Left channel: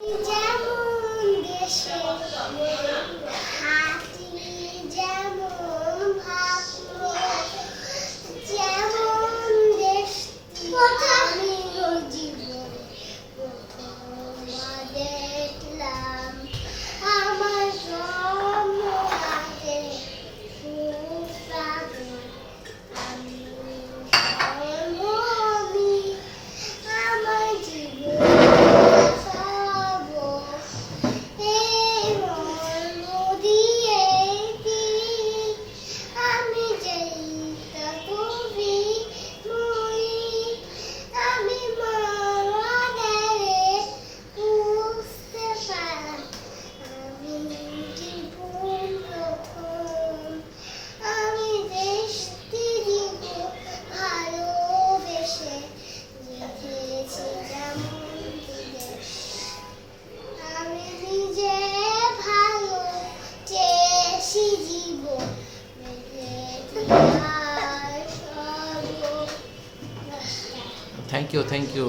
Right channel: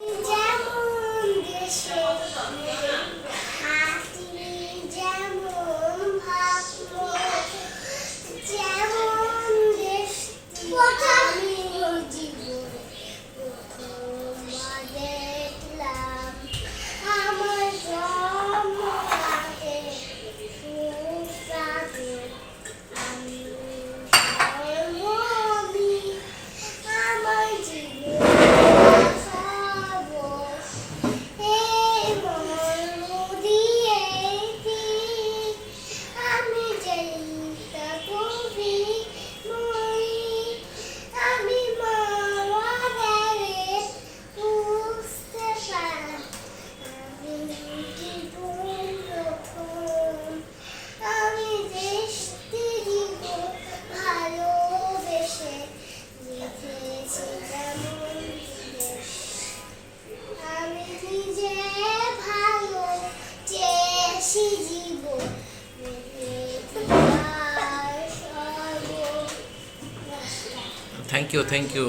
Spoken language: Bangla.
যেমন দেশে হাতি যেমন ভাবলো যেমন দেশটি আমিও জীবনে প্রথমবার দেখলাম আমার জন্মরাতে সুস্বাদু আমি জন্মনি আমার জীবন থ্যাংক ইউ